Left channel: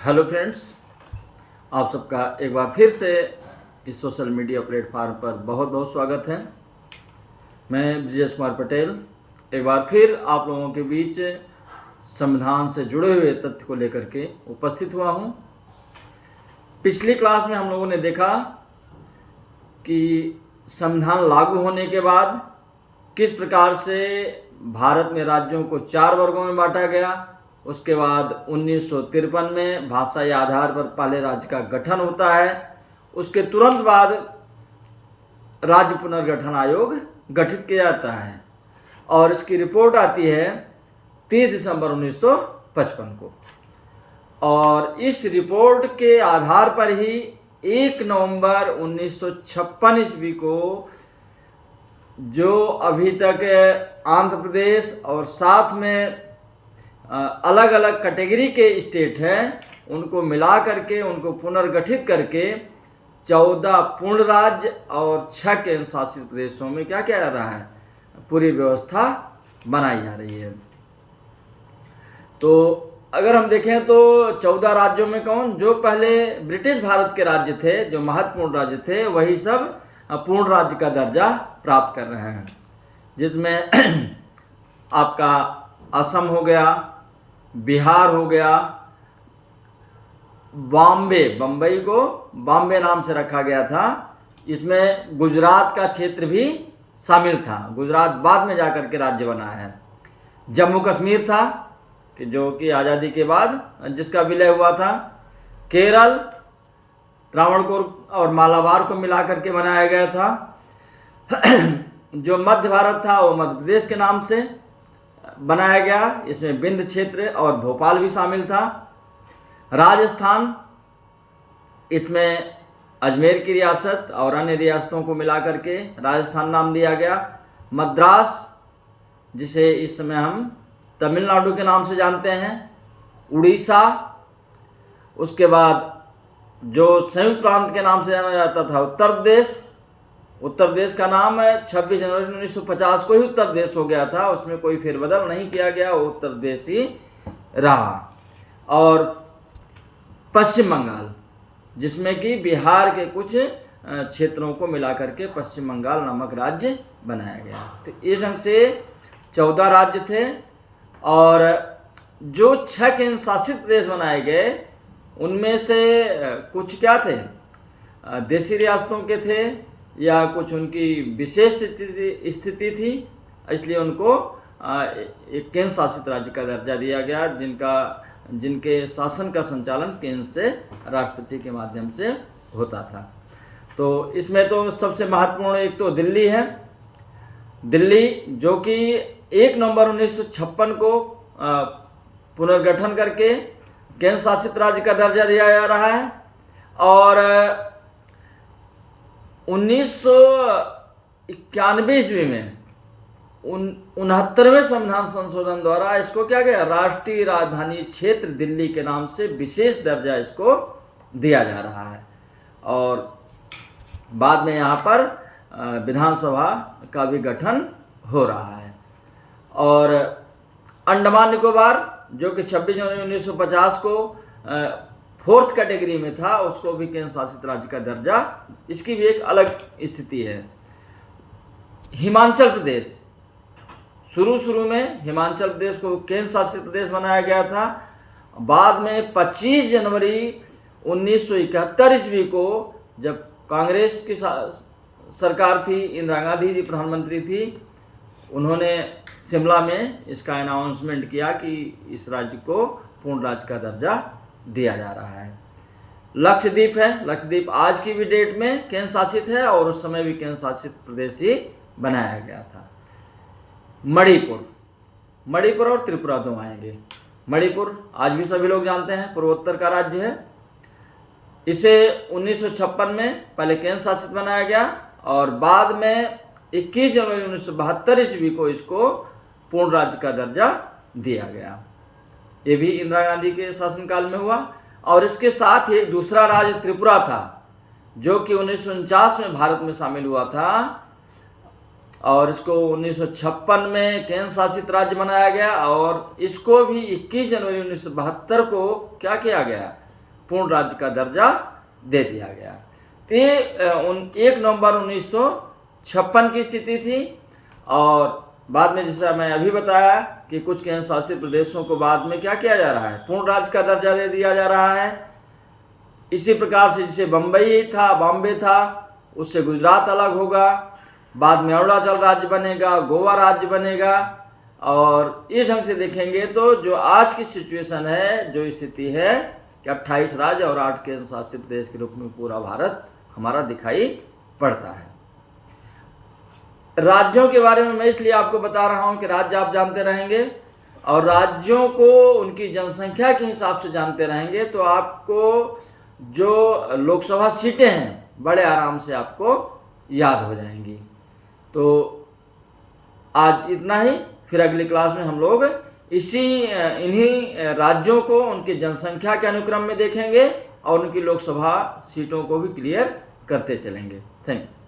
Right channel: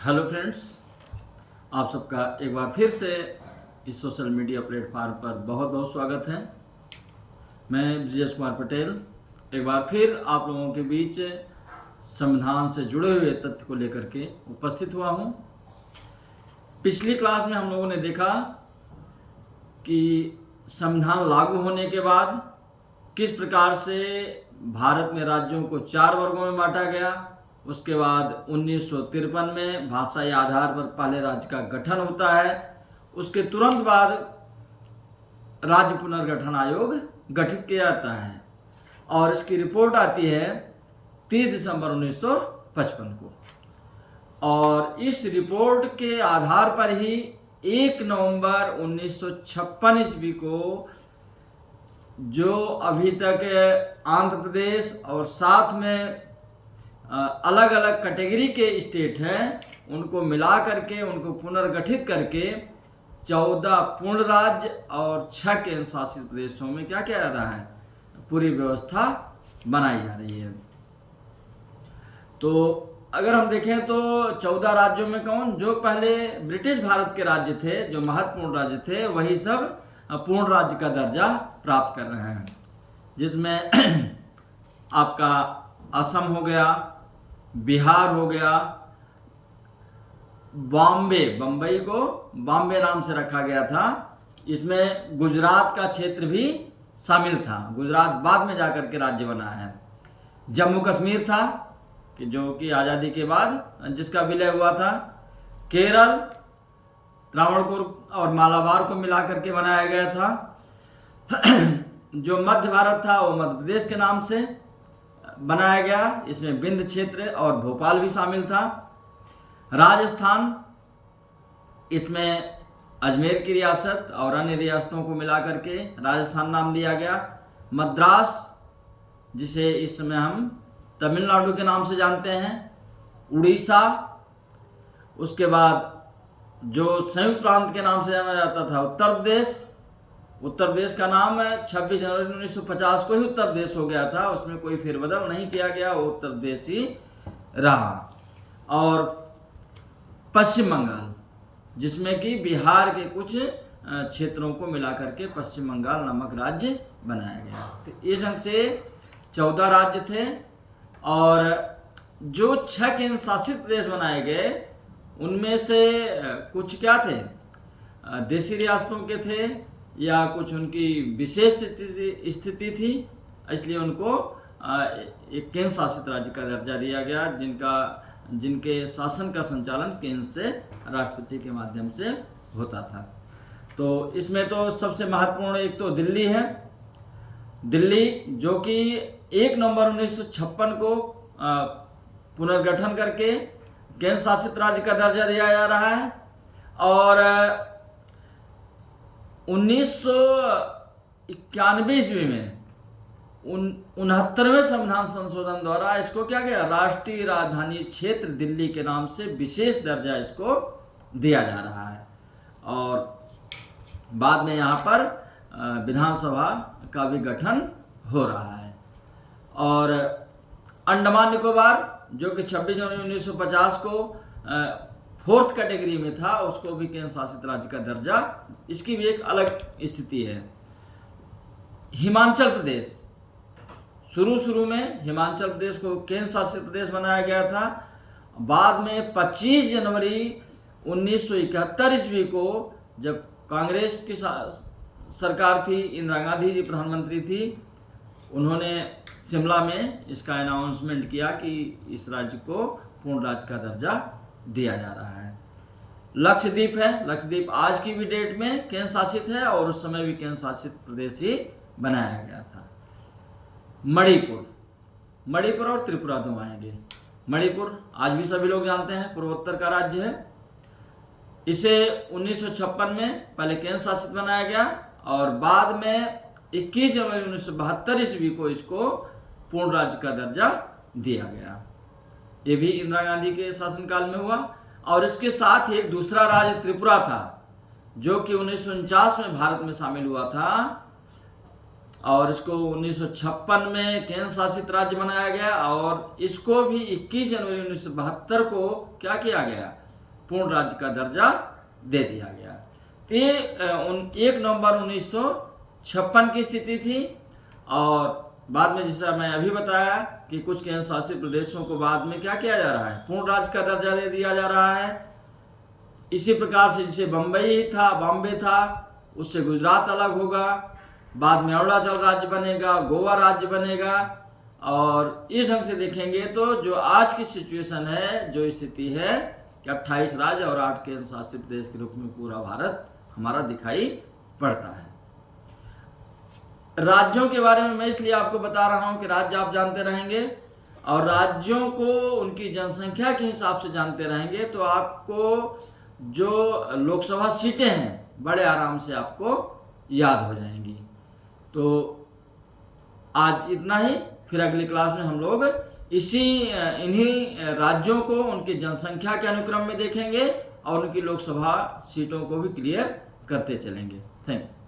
Hello friends, आप सबका एक बार फिर से इस सोशल मीडिया प्लेटफार्म पर बहुत बहुत स्वागत है। मैं ब्रजेश कुमार पटेल एक बार फिर आप लोगों के बीच संविधान से जुड़े हुए तथ्य को लेकर के उपस्थित हुआ हूं। पिछली क्लास में हम लोगों ने देखा कि संविधान लागू होने के बाद किस प्रकार से भारत में राज्यों को 4 वर्गों में बांटा गया। उसके बाद 1953 में भाषाई आधार पर पहले राज्य का गठन होता है। उसके तुरंत बाद राज्य पुनर्गठन आयोग गठित किया जाता है और इसकी रिपोर्ट आती है 30 दिसंबर 1955 को। और इस रिपोर्ट के आधार पर ही 1 नवंबर 1956 ईस्वी को जो अभी तक आंध्र प्रदेश और साथ में अलग अलग कैटेगरी के स्टेट हैं उनको मिला करके उनको पुनर्गठित करके 14 पूर्ण राज्य और 6 केंद्र शासित प्रदेशों में क्या किया जा रहा है, पूरी व्यवस्था बनाई जा रही है। तो अगर हम देखें तो 14 राज्यों में कौन, जो पहले ब्रिटिश भारत के राज्य थे, जो महत्वपूर्ण राज्य थे, वही सब पूर्ण राज्य का दर्जा प्राप्त कर रहे हैं, जिसमें आपका असम हो गया, बिहार हो गया, बम्बई को बॉम्बे नाम से रखा गया था। इसमें गुजरात का क्षेत्र भी शामिल था, गुजरात बाद में जाकर के राज्य बना है। जम्मू कश्मीर था कि जो कि आज़ादी के बाद जिसका विलय हुआ था। केरल त्रावणकोर और मालाबार को मिला करके बनाया गया था। जो मध्य भारत था वो मध्य प्रदेश के नाम से बनाया गया। इसमें विंध्य क्षेत्र और भोपाल भी शामिल था। राजस्थान, इसमें अजमेर की रियासत और अन्य रियासतों को मिला करके राजस्थान नाम दिया गया। मद्रास, जिसे इस समय हम तमिलनाडु के नाम से जानते हैं। उड़ीसा, उसके बाद जो संयुक्त प्रांत के नाम से जाना जाता था उत्तर प्रदेश। उत्तर प्रदेश का नाम 26 जनवरी 1950 को ही उत्तर प्रदेश हो गया था, उसमें कोई फेरबदल नहीं किया गया, वो उत्तर प्रदेश ही रहा। और पश्चिम बंगाल, जिसमें कि बिहार के कुछ क्षेत्रों को मिलाकर के पश्चिम बंगाल नामक राज्य बनाया गया। तो इस ढंग से 14 राज्य थे और जो 6 केंद्र शासित प्रदेश बनाए गए उनमें से कुछ क्या थे, देशी रियासतों के थे या कुछ उनकी विशेष स्थिति थी, इसलिए उनको एक केंद्र शासित राज्य का दर्जा दिया गया, जिनके शासन का संचालन केंद्र से राष्ट्रपति के माध्यम से होता था। तो इसमें तो सबसे महत्वपूर्ण एक तो दिल्ली है। दिल्ली जो कि 1 नवंबर 1956 को पुनर्गठन करके केंद्र शासित राज्य का दर्जा दिया जा रहा है और 1991 ईस्वी में 69वें संविधान संशोधन द्वारा इसको क्या गया, राष्ट्रीय राजधानी क्षेत्र दिल्ली के नाम से विशेष दर्जा इसको दिया जा रहा है। और बाद में यहाँ पर विधानसभा का भी गठन हो रहा है। और अंडमान निकोबार जो कि 26 जनवरी 1950 को 4th कैटेगरी में था, उसको भी केंद्र शासित राज्य का दर्जा, इसकी भी एक अलग स्थिति है। हिमाचल प्रदेश, शुरू में हिमाचल प्रदेश को केंद्र शासित प्रदेश बनाया गया था। बाद में 25 जनवरी 1971 ईस्वी को जब कांग्रेस की सरकार थी, इंदिरा गांधी जी प्रधानमंत्री थी, उन्होंने शिमला में इसका अनाउंसमेंट किया कि इस राज्य को पूर्ण राज्य का दर्जा दिया जा रहा है। लक्षद्वीप है, लक्षद्वीप आज की भी डेट में केंद्र शासित है और उस समय भी केंद्र शासित प्रदेश ही बनाया गया था। मणिपुर और त्रिपुरा दो आएंगे। मणिपुर आज भी सभी लोग जानते हैं, पूर्वोत्तर का राज्य है। इसे 1956 में पहले केंद्र शासित बनाया गया और बाद में 21 जनवरी 1972 ईस्वी को इसको पूर्ण राज्य का दर्जा दिया गया। ये भी इंदिरा गांधी के शासनकाल में हुआ। और इसके साथ ही एक दूसरा राज्य त्रिपुरा था जो कि 1949 में भारत में शामिल हुआ था और इसको 1956 में केंद्र शासित राज्य बनाया गया और इसको भी 21 जनवरी 1972 को क्या किया गया, पूर्ण राज्य का दर्जा दे दिया गया। तो ये 1 नवंबर 1956 की स्थिति थी। और बाद में जैसा मैं अभी बताया कि कुछ केंद्र शासित प्रदेशों को बाद में क्या किया जा रहा है, पूर्ण राज्य का दर्जा दे दिया जा रहा है। इसी प्रकार से जैसे बम्बई था, बॉम्बे था, उससे गुजरात अलग होगा, बाद में अरुणाचल राज्य बनेगा, गोवा राज्य बनेगा। और इस ढंग से देखेंगे तो जो आज की सिचुएशन है, जो स्थिति है कि 28 राज्य और 8 केंद्र शासित प्रदेश के रूप में पूरा भारत हमारा दिखाई पड़ता है। राज्यों के बारे में मैं इसलिए आपको बता रहा हूं कि राज्य आप जानते रहेंगे और राज्यों को उनकी जनसंख्या के हिसाब से जानते रहेंगे तो आपको जो लोकसभा सीटें हैं बड़े आराम से आपको याद हो जाएंगी। तो आज इतना ही, फिर अगली क्लास में हम लोग इन्हीं राज्यों को उनकी जनसंख्या के अनुक्रम में देखेंगे और उनकी लोकसभा सीटों को भी क्लियर करते चलेंगे। Thank you.